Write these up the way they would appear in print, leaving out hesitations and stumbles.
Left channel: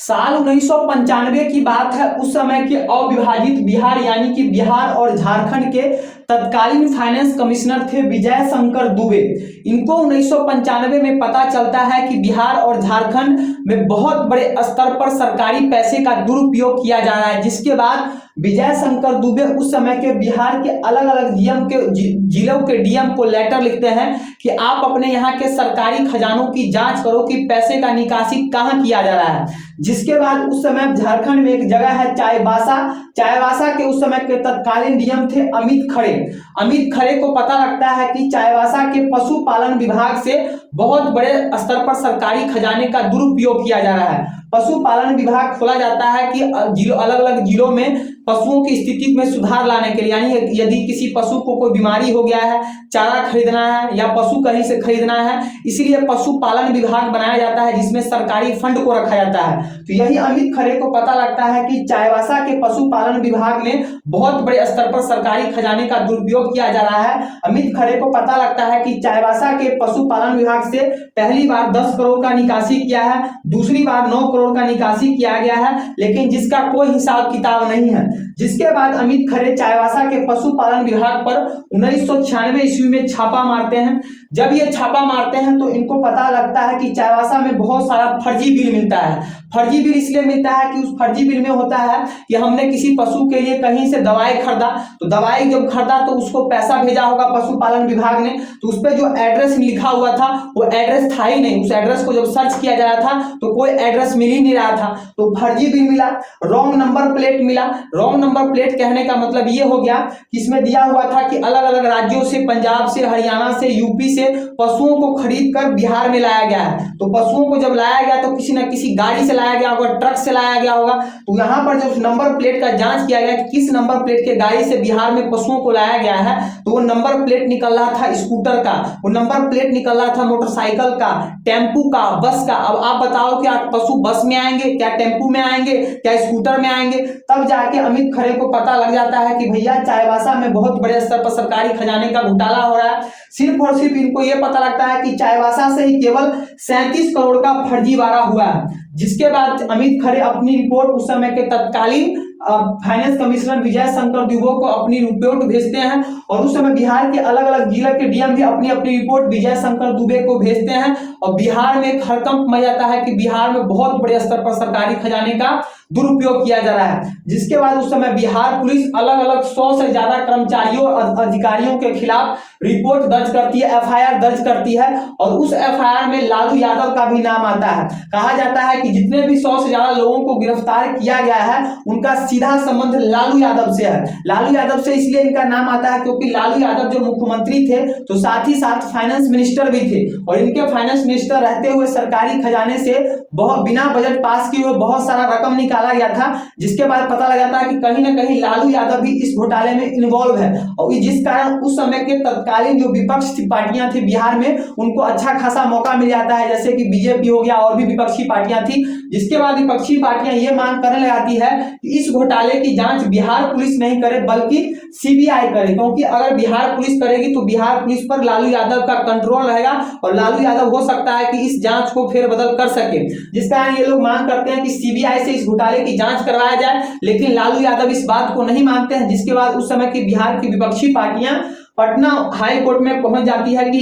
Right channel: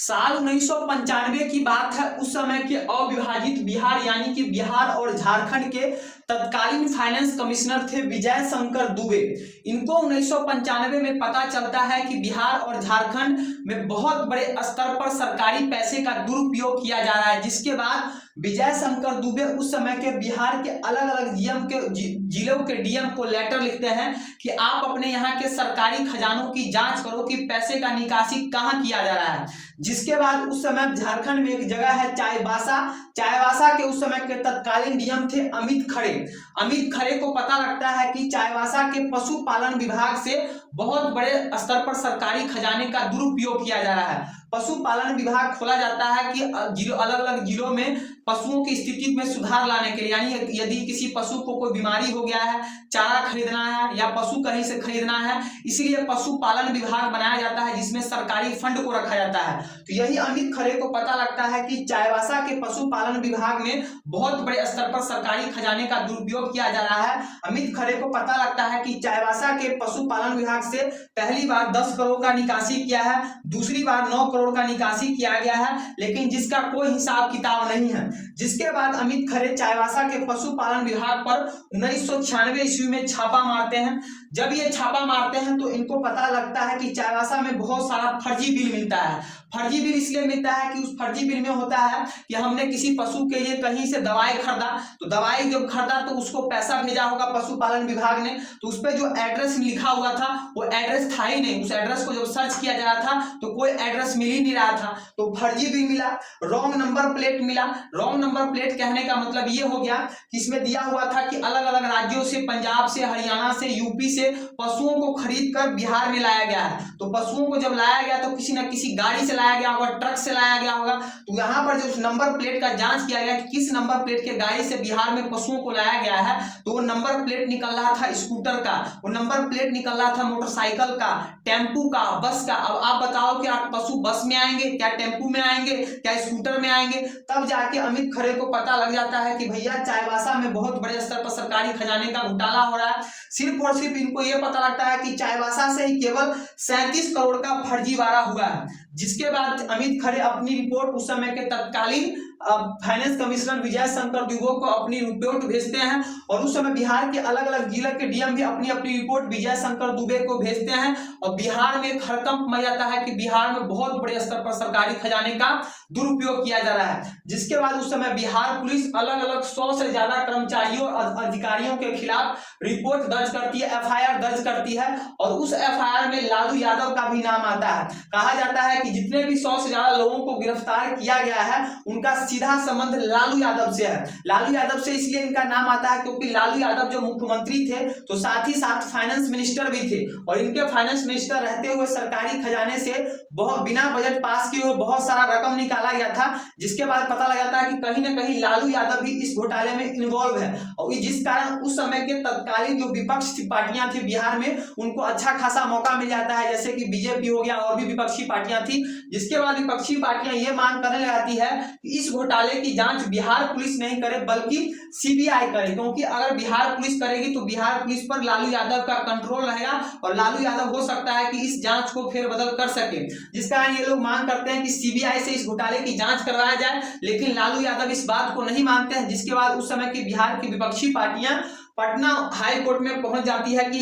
साल 1995 की बात है। उस समय के अविभाजित बिहार यानी कि बिहार और झारखंड के तत्कालीन फाइनेंस कमिश्नर थे विजय शंकर दुबे। इनको 1995 में पता चलता है कि बिहार और झारखंड में बहुत बड़े स्तर पर सरकारी पैसे का दुरुपयोग किया जा रहा है, जिसके बाद विजय शंकर दुबे उस समय के बिहार के अलग अलग जिलों के डीएम को लेटर लिखते हैं कि आप अपने यहाँ के सरकारी खजानों की जांच करो कि पैसे का निकासी कहाँ किया जा रहा है। जिसके बाद उस समय झारखंड में एक जगह है चाईबासा के उस समय के तत्कालीन डीएम थे अमित खरे को पता लगता है कि चाईबासा के पशुपालन विभाग से बहुत बड़े स्तर पर सरकारी खजाने का दुरुपयोग किया जा रहा है। पशुपालन विभाग खोला जाता है कि अलग अलग जिलों में पशुओं की स्थिति में सुधार लाने के लिए, यानी यदि किसी पशु को कोई बीमारी हो गया है, चारा खरीदना है या पशु कहीं से खरीदना है, इसीलिए पशुपालन विभाग बनाया जाता है जिसमें सरकारी फंड को रखा जाता है। तो यही अमित खरे को पता लगता है कि चाईबासा के पशुपालन विभाग में बहुत बड़े स्तर पर सरकारी खजाने का दुरुपयोग किया जा रहा है। अमित खरे को पता लगता है कि चाईबासा के पशुपालन विभाग से पहली बार 10 करोड़ का निकासी किया है, दूसरी बार 9 करोड़ का निकासी किया गया है, लेकिन जिसका कोई हिसाब किताब नहीं है। जिसके बाद अमित खरे चाईबासा के पशुपालन विभाग पर 1996 ईस्वी में छापा मारते हैं। जब ये छापा मारते हैं तो इनको पता लगता है कि चाईबासा में बहुत सारा फर्जी बिल मिलता है। फर्जी बिल इसलिए मिलता है कि उस फर्जी बिल में होता है कि हमने किसी पशु के लिए कहीं से दवाई खरीदा, तो दवाई जब खरीदा तो उसको पैसा भेजा होगा पशुपालन विभाग ने, तो उस पर जो एड्रेस लिखा हुआ था वो एड्रेस था ही नहीं। उस एड्रेस को जब सर्च किया जा रहा था तो कोई एड्रेस मिल ही नहीं रहा था, तो फर्जी बिल मिला। रॉन्ग नंबर प्लेट मिला। रॉन्ग नंबर प्लेट कहने का मतलब ये हो गया कि इसमें दिया हुआ था कि अलग अलग राज्यों से, पंजाब से, हरियाणा से, यूपी से पशुओं को खरीद कर बिहार में लाया गया है। तो पशुओं को जब लाया गया तो किसी न किसी गाड़ी से लाया गया होगा, ट्रक से लाया गया होगा। तो यहाँ पर जब उस नंबर प्लेट का जांच किया गया कि किस नंबर प्लेट के गाड़ी से बिहार में पशुओं को लाया गया है, तो वो नंबर प्लेट निकल रहा था स्कूटर का, वो नंबर प्लेट निकल रहा था मोटरसाइकिल का, टेम्पू का, बस का। अब आप बताओ कि आप पशु बस में आएंगे, क्या टेम्पू में आएंगे, क्या स्कूटर में आएंगे? तब जाके अमित खरे को पता लग जाता है कि भैया चाईबासा में बहुत बड़े स्तर पर सरकारी खजाने का घोटाला हो रहा है। सिर्फ और सिर्फ इनको यह पता लगता है कि चाईबासा से ही केवल 37 करोड़ का फर्जीवाड़ा हुआ है। जिसके बाद अमित खरे अपनी रिपोर्ट उस समय के तत्कालीन फाइनेंस कमिश्नर विजय शंकर दुबे को अपनी रिपोर्ट भेजते हैं, और उस समय बिहार के अलग अलग जिले के डीएम भी अपनी अपनी रिपोर्ट विजय शंकर दुबे को भेजते हैं। और बिहार में एक हड़कंप मच जाता है कि बिहार में बहुत बड़े स्तर पर सरकारी खजाने का दुरुपयोग किया जा रहा है। जिसके बाद उस समय बिहार पुलिस अलग अलग 100 से ज्यादा कर्मचारियों और अधिकारियों के खिलाफ रिपोर्ट दर्ज करती है, एफआईआर दर्ज करती है, और उस एफआईआर में लालू यादव का भी नाम आता है। कहा जाता है कि जितने भी 100 से ज्यादा लोगों को गिरफ्तार किया गया है उनका सीधा संबंध लालू यादव से है। लालू यादव से इसलिए इनका नाम आता है क्योंकि लालू यादव जो मुख्यमंत्री थे तो साथ ही साथ फाइनेंस मिनिस्टर भी थे, और इनके फाइनेंस मिनिस्टर रहते हुए सरकारी खजाने से बहुत बिना बजट पास किए हुए बहुत सारा रकम निकाला गया था। जिसके बाद पता लग जाता है कि कहीं ना कहीं लालू यादव भी इस घोटाले में इन्वॉल्व है, और जिस कारण उस समय के तत्कालीन जो विपक्षी पार्टियां थी बिहार में उनको अच्छा खासा मौका मिल जाता है, जैसे कि बीजेपी हो गया और भी विपक्षी पार्टियां थी। जिसके बाद विपक्षी पार्टियां ये मांग करने लगाती है कि इस घोटाले की जांच बिहार पुलिस नहीं करे बल्कि सीबीआई करे, क्योंकि अगर बिहार पुलिस करेगी तो बिहार पुलिस पर लालू यादव का कंट्रोल रहेगा और लालू यादव हो सकता है कि इस जांच को फेरबदल कर सके। जिस कारण ये लोग मांग करते हैं कि सीबीआई से इस घोटाले की जांच करवाया जाए, लेकिन लालू यादव इस बात को नहीं मानते हैं। जिसके बाद उस समय की बिहार की विपक्षी पार्टियां पटना हाई कोर्ट में पहुंच जाती है कि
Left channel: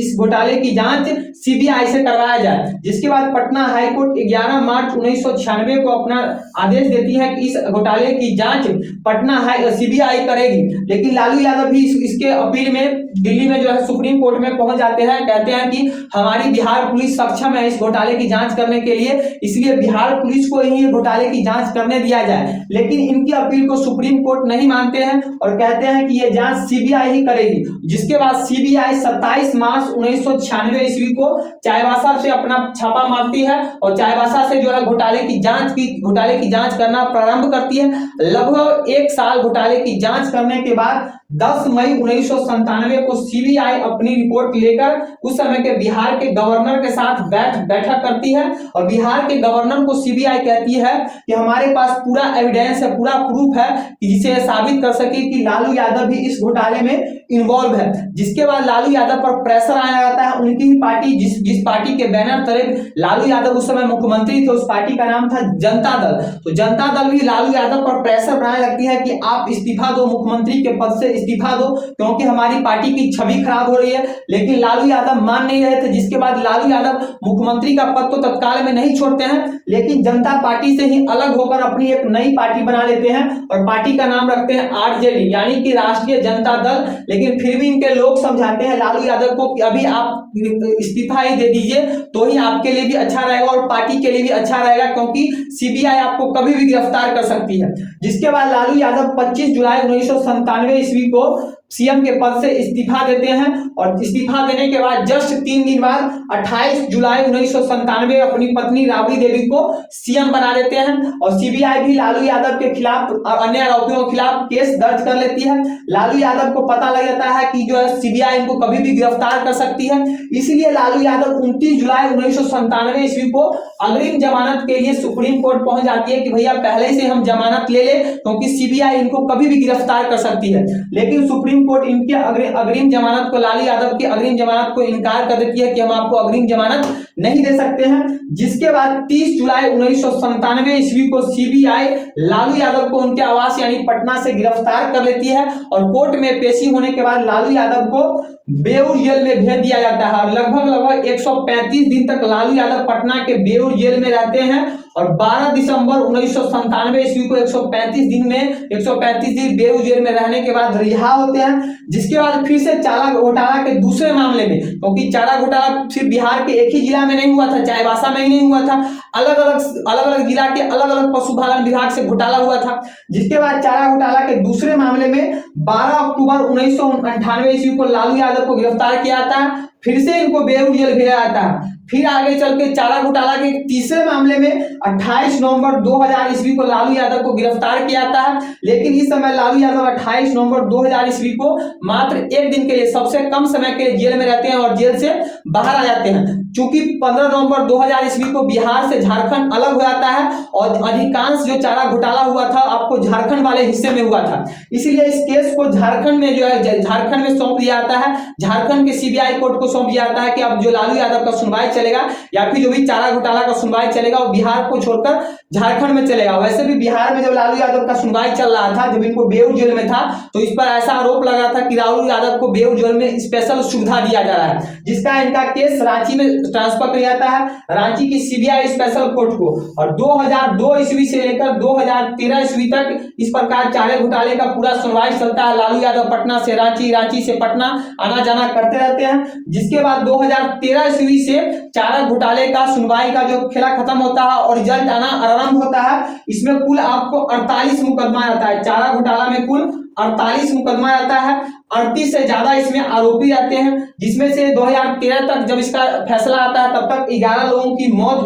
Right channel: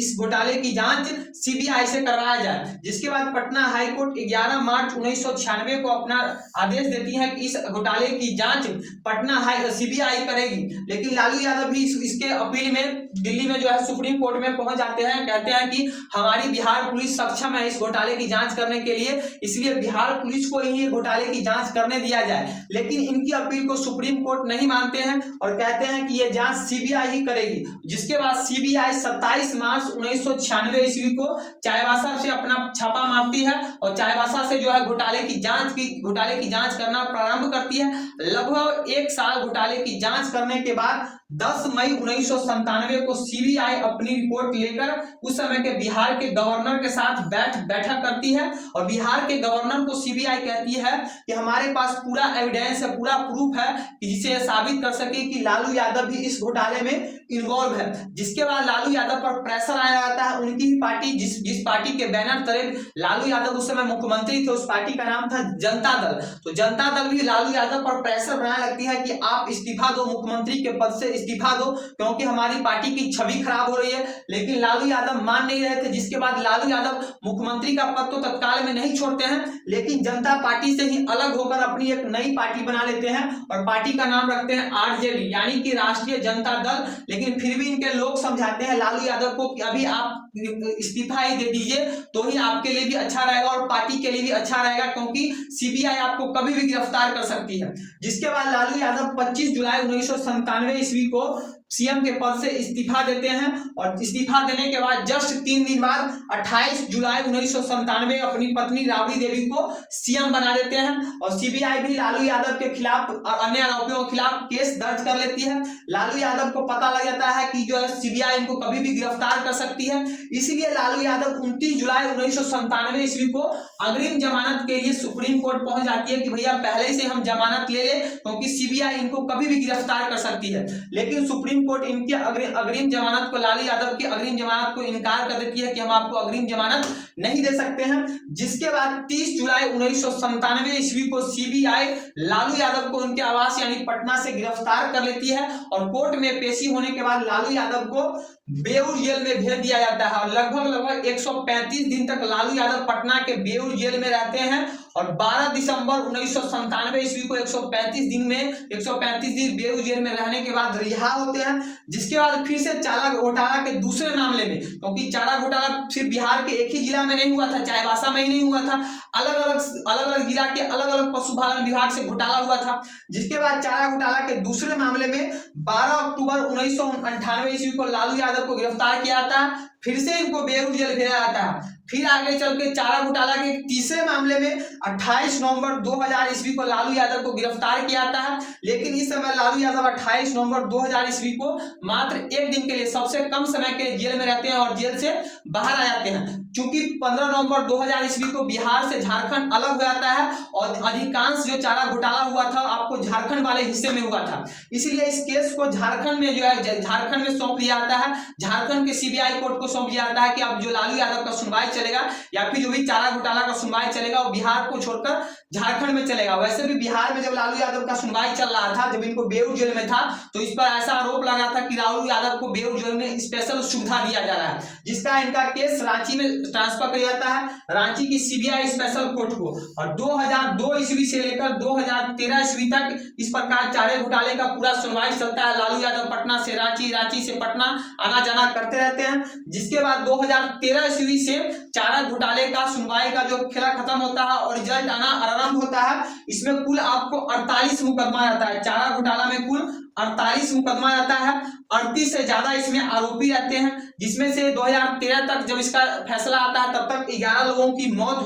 इस घोटाले की जांच सीबीआई से करवाया जाए। जिसके बाद पटना हाई कोर्ट 11 मार्च 1996 को अपना आदेश देती है कि इस घोटाले की जांच पटना सीबीआई करेगी, लेकिन लालू यादव भी इसके अपील में दिल्ली में जो है सुप्रीम कोर्ट में पहुंच जाते हैं। कहते हैं कि हमारी बिहार पुलिस सक्षम है इस घोटाले की जांच करने के लिए, इसलिए बिहार पुलिस को ही घोटाले की जांच करने दिया जाए। लेकिन इनकी अपील को सुप्रीम कोर्ट नहीं मानते हैं और कहते हैं कि यह जांच सीबीआई ही करेगी। जिसके बाद सीबीआई 27 मार्च 1996 ईस्वी को चाईबासा से अपना छापा मारती है और चाईबासा से जो है घोटाले की जांच करना प्रारंभ करती है। लगभग 1 साल घोटाले की जांच करने के बाद 10 मई 1997 को सीबीआई अपनी रिपोर्ट लेकर उस समय के बिहार के गवर्नर के साथ बैठक करती है और बिहार के गवर्नर को सीबीआई कहती है कि हमारे पास पूरा एविडेंस है, पूरा प्रूफ है कि जिसे साबित कर सके कि लालू यादव भी इस घोटाले में इन्वॉल्व है। जिसके बाद लालू यादव पर प्रेशर आने लगता है। उनकी ही पार्टी जिस पार्टी के बैनर तले लालू यादव उस समय मुख्यमंत्री थे, उस पार्टी का नाम था जनता दल। तो जनता दल भी लालू यादव पर प्रेशर बनाने लगती है कि आप इस्तीफा दो, मुख्यमंत्री के पद से इस्तीफा दो, क्योंकि हमारी पार्टी की छवि खराब हो रही है। लेकिन लालू यादव मान नहीं रहे थे, जिसके बाद लालू यादव मुख्यमंत्री का पद तो तत्काल में नहीं छोड़ते हैं, लेकिन जनता पार्टी से ही अलग होकर अपनी एक नई पार्टी बना लेते हैं और पार्टी का नाम रखते हैं आरजेडी, यानी कि राष्ट्रीय जनता दल। लेकिन फिर भी इनके लोग समझाते हैं लालू यादव को कि अभी आप इस्तीफा ही दे दीजिए तो ही आपके लिए भी अच्छा रहेगा और पार्टी के लिए भी अच्छा रहेगा, क्योंकि सीबीआई आपको कभी भी गिरफ्तार कर सकती है। जिसके बाद लालू यादव 25 जुलाई 1997 ईस्वी को सीएम के पद से इस्तीफा देते हैं और इस्तीफा देने के बाद जस्ट 3 दिन बाद 28 जुलाई 1997 अपनी पत्नी राबड़ी देवी को सीएम बना देते हैं और सीबीआई भी लालू यादव के खिलाफ और अन्य आरोपियों के खिलाफ केस दर्ज कर लेती है। लालू यादव को पता लग जाता है कि जो है सीबीआई इनको कभी भी गिरफ्तार कर सकती है, इसलिए लालू यादव 29 जुलाई 1997 ईस्वी को अग्रिम जमानत के लिए सुप्रीम कोर्ट पहुंच जाती है कि भैया पहले से हम जमानत ले ले, क्योंकि सीबीआई इनको कभी भी गिरफ्तार कर सकती है। लेकिन सुप्रीम कोर्ट इनके अग्रिम जमानत को, लालू यादव की अग्रिम जमानत को इनकार कर देती है कि हम आपको अग्रिम जमानत नहीं दे सकते हैं। जिसके बाद 30 जुलाई 1997 ईस्वी को सीबीआई लालू यादव को उनके आवास यानी पटना से गिरफ्तार कर लेती है और कोर्ट में पेशी होने के बाद लालू यादव को बेऊर जेल में भेज दिया जाता है और लगभग 135 दिन तक लालू यादव पटना के बेऊर जेल में रहते हैं और 12 दिसंबर 1997 ईस्वी को 135 दिन बेऊर जेल में रहने के बाद रिहा होते हैं। जिसके बाद फिर से चारा घोटाला के दूसरे मामले में, क्योंकि चारा घोटाला सिर्फ बिहार के एक ही जिला में नहीं हुआ था, चाईबासा में ही नहीं हुआ था, अलग अलग जिला के अलग अलग पशुपालन विभाग से घोटाला हुआ था। जिसके बाद चारा घोटाला के दूसरे मामले में 12 अक्टूबर 1998 ईस्वी को लालू यादव को गिरफ्तार किया जाता है, फिर से इनको बेऊर जेल भेजा जाता है। फिर आगे चल के चारा घोटाला के तीसरे मामले में 28 नवंबर 2000 ईस्वी को लालू यादव को गिरफ्तार किया जाता है। लेकिन इस समय लालू यादव 28 नवंबर 2000 ईस्वी को मात्र एक दिन के लिए, सबसे कम समय के जेल में रहते हैं और जेल से बाहर आ जाते हैं। चूंकि 15 नवंबर 2000 ईस्वी को बिहार से झारखंड अलग हो जाता है और अधिकांश जो चारा घोटाला हुआ था आपको झारखंड वाले हिस्से में हुआ था, इसलिए इस केस को झारखंड में जो है झारखंड में सौंप दिया जाता है। झारखंड के सीबीआई कोर्ट को सौंप दिया जाता है कि अब जो लालू यादव का सुनवाई चलेगा या फिर जो भी चारा घोटाला का सुनवाई चलेगा वो बिहार को छोड़कर झारखंड में चलेगा। वैसे भी बिहार में जब लालू यादव का सुनवाई चल रहा था, जब इनको बेऊर जेल में था, तो इस पर ऐसा आरोप लगा था कि लालू यादव को बेऊर जेल में स्पेशल सुविधा दिया जा रहा है, जिसका इनका केस रांची में ट्रांसफर किया जाता है, रांची की सीबीआई स्पेशल कोर्ट को। और 2002 ईस्वी से लेकर 2013 ईस्वी तक इस प्रकार चारे घोटाले का पूरा सुनवाई चलता है। लालू यादव पटना से रांची, रांची से पटना आना जाना करते रहते हैं। जिसके बाद 2013 ईस्वी से चारा घोटाले का सुनवाई का जो खेला खत्म होता है और रिजल्ट आना आरंभ होता है। इसमें कुल आपको 48 मुकदमा आता है। चारा घोटाला में कुल 48 मुकदमा आता है, 38 से ज्यादा इसमें आरोपी रहते हैं, जिसमें से 2013 तक जब इसका फैसला आता है तब तक 11 लोगों की मौत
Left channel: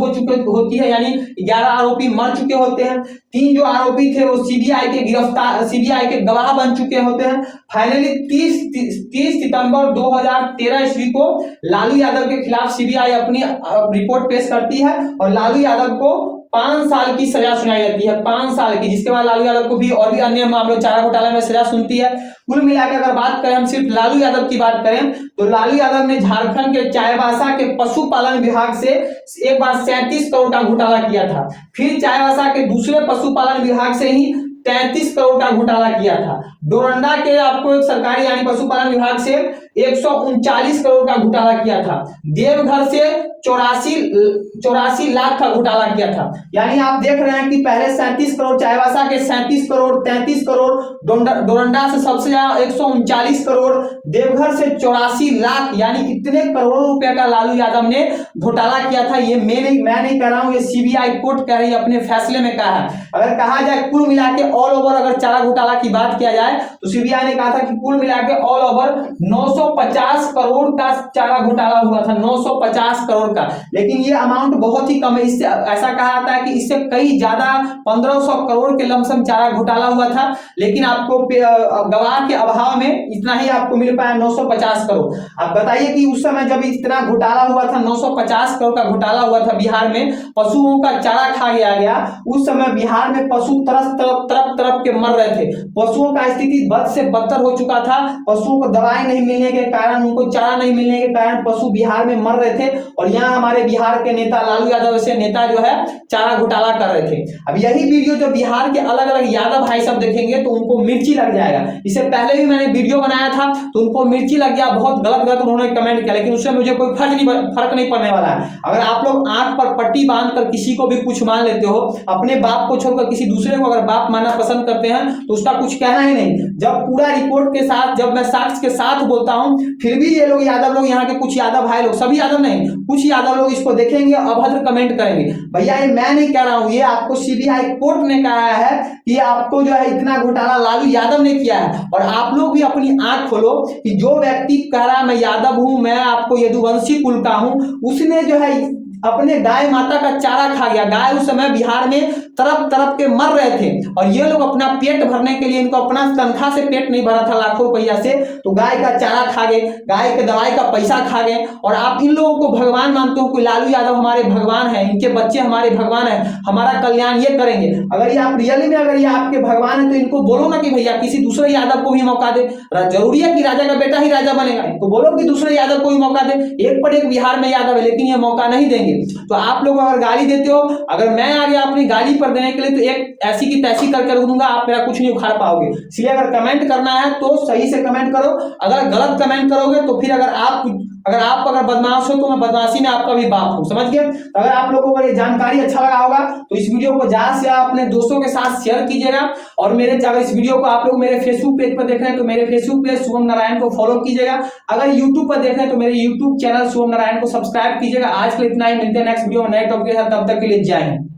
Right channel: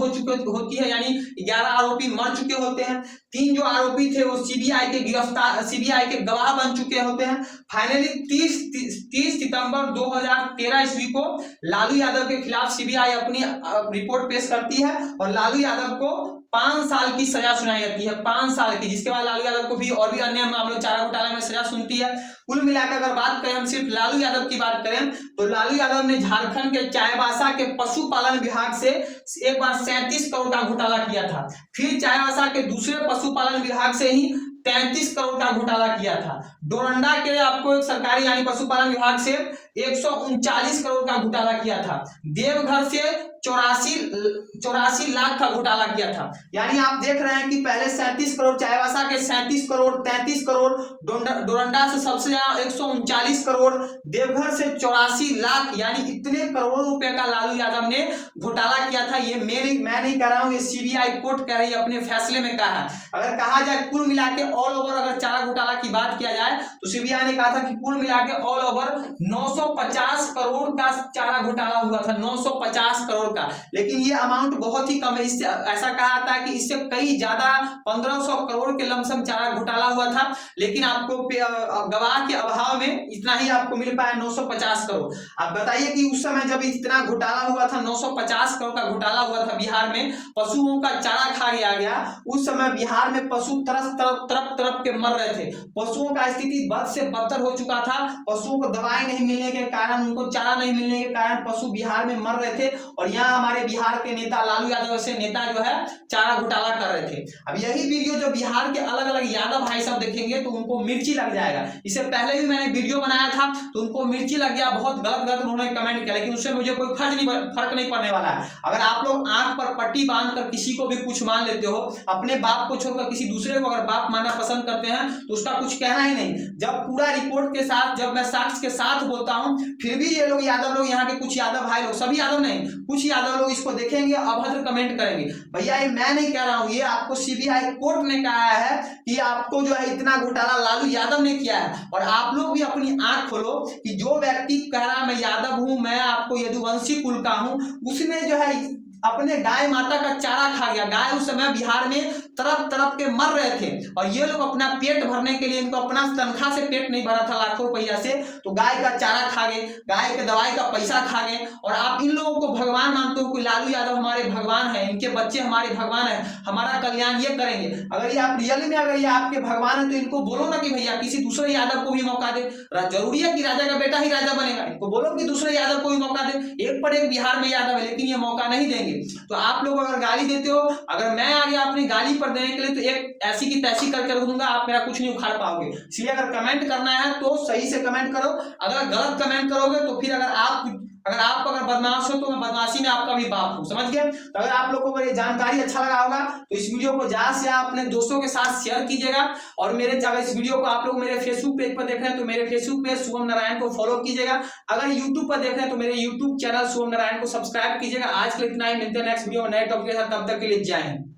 होती है, यानी 11 आरोपी मर चुके होते हैं। 3 जो आरोपी थे वो सीबीआई के गवाह बन चुके होते हैं। फाइनली 30 सितंबर 2013 ईस्वी को लालू यादव के खिलाफ सीबीआई अपनी रिपोर्ट पेश करती है और लालू यादव को 5 साल की सजा सुनाई जाती है, 5 साल की। जिसके बाद लालू यादव को भी और भी अन्य मामलों चारा घोटाला में सजा सुनती है। कुल मिलाकर अगर बात करें, हम सिर्फ लालू यादव की बात करें तो लालू यादव ने झारखंड के चाईबासा के पशुपालन विभाग से एक बार 37 करोड़ का घोटाला किया था, फिर चाईबासा के दूसरे पशुपालन विभाग से ही 33 करोड़ का घोटाला किया था। डोरंडा के आपको एक सरकारी यानी पशुपालन विभाग से 139 करोड़ का घोटाला किया था। देवघर से 84 लाख का घोटाला किया था। यानी आप देख रहे हैं कि पहले 37 करोड़, चाईबासा के 37 करोड़, 33 करोड़, डोरंडा से सबसे ज्यादा 139 करोड़, देवघर से 84 लाख, यानी इतने करोड़ों रुपए का लालू यादव ने घोटाला किया था। ये मैं नहीं कह रहा हूं, ये सीबीआई कोर्ट कह रही है, अपने फैसले में कहा है। अगर कहा जाए कुल मिला के ऑल ओवर अगर चारा घोटाला की बात किया जाए तो सीबीआई ने कहा था कि कुल मिला के ऑल ओवर 900 950 करोड़ का चारा घोटाला हुआ था, 950 करोड़ का। लेकिन ये अमाउंट बहुत ही कम है, इससे ऐसा कहा था कि इससे कई ज्यादा 1500 करोड़ के लमसम चारा घोटाला हुआ था, लेकिन आपको गवाह के अभाव में इतना ही आपको मिल पाया 950 करोड़। अब बताइए कि उस समय जब इतना घोटाला हुआ था, 950 करोड़ का घोटाला हुआ था बिहार में, पशुओं का चारा खा गया, उस समय बिहार में पशु तरफ के मर रहे थे। पशुओं का स्थिति बद से बदतर हो चुका था। पशुओं को दवाई नहीं मिलने के कारण, उनको चारा नहीं मिलने के कारण पशु बिहार में मर रहे थे। और यहाँ हमारे बिहार के नेता लालू यादव से नेता जो है चारा घोटाला कर रहे थे। अब यही वीडियो जो बिहार के अलग अलग यादव भाई सब देखेंगे तो उनको मिर्ची लग जाएगा। इससे पहले भी मैंने वीडियो बनाया था तो उनको मिर्ची लग गया, बहुत गलत गलत उन्होंने कमेंट किया, लेकिन उससे मुझे कोई फर्क नहीं पड़ने वाला है। अगर आप लोग आंख पर पट्टी बांधकर किसी को भी कुछ मान लेते हो, अपने बाप को छोड़कर किसी दूसरे को अगर बाप मानना पसंद करते हैं तो उसका कुछ कहना ही नहीं। जब पूरा रिपोर्ट के साथ, जब मैं साक्ष्य के साथ बोलता हूं, फिर भी ये लोग यादव लोग, यहाँ के कुछ यादव भाई लोग, सभी यादव नहीं, कुछ यादव लोग इसको देखेंगे, अभद्र कमेंट करेंगे। भैया ये मैं नहीं कह रहा हूं, ये आपको सीबीआई कोर्ट ने कहा है कि आपको जो है इतना घोटाला लालू यादव ने किया है। और आप लोग भी अपनी आंख खोलो कि जो व्यक्ति कह रहा है मैं यादव हूं, मैं आपको यदुवंशी कुल का हूं, उसने जो है अपने गाय माता का चारा खा गया। गाय उस समय बिहार में तरफ के मर रहे थे और ये लोग अपना पेट भरने के लिए, इनको अपना तनख्वाह से पेट नहीं भरा था लाखों रुपया से, तो गाय का चारा खा गए, गाय के दवाई का पैसा खा गए। और आप इन लोगों को भगवान मानते हो कि लालू यादव हमारे भगवान है, इनके बच्चे हमारे भगवान है, हमारा कल्याण ये करेंगे। अगर ये आप रियली में अगर ये आपके भगवान है तो इनको बोलो ना कि भैया किसी दूसरे यादव को भी मौका दे। जरूरी है कि राजा का बेटा ही राजा बनेगा? इनको बोलो कि दूसरे यादव को भी मौका दे। एक पर एक बिहार में यादव है लेकिन ये मौका नहीं देंगे। तो आप लोग अगर गाली देते हो, अगर मैं आ गया अपनी गाली पर देने के लिए तो एक ऐसी की तैसी करके दूंगा, आप मेरा कुछ नहीं उखाड़ पाओगे। इसलिए अगर कमेंट करना है तो सही से कमेंट करो। अगर गलत कमेंट करोगे तो फिर अगर आप बदमाश हो तो मैं बदमाशी में आपका भी बाप हूं, समझ गए? तो अगर आप लोगों को अगर ये जानकारी अच्छा लगा होगा तो इस वीडियो को ज्यादा से ज्यादा अपने दोस्तों के साथ शेयर कीजिएगा। और अगर इस वीडियो को आप लोग मेरे फेसबुक पेज पर देख रहे हैं तो मेरे फेसबुक पेज शुभम नारायण को फॉलो कीजिएगा। अगर यूट्यूब पर देख रहे हैं तो मेरे यूट्यूब चैनल शुभम नारायण को सब्सक्राइब कीजिएगा। आज के लिए इतना ही, मिलते हैं नेक्स्ट वीडियो में नए टॉपिक के साथ। तब तक के लिए जय हिंद।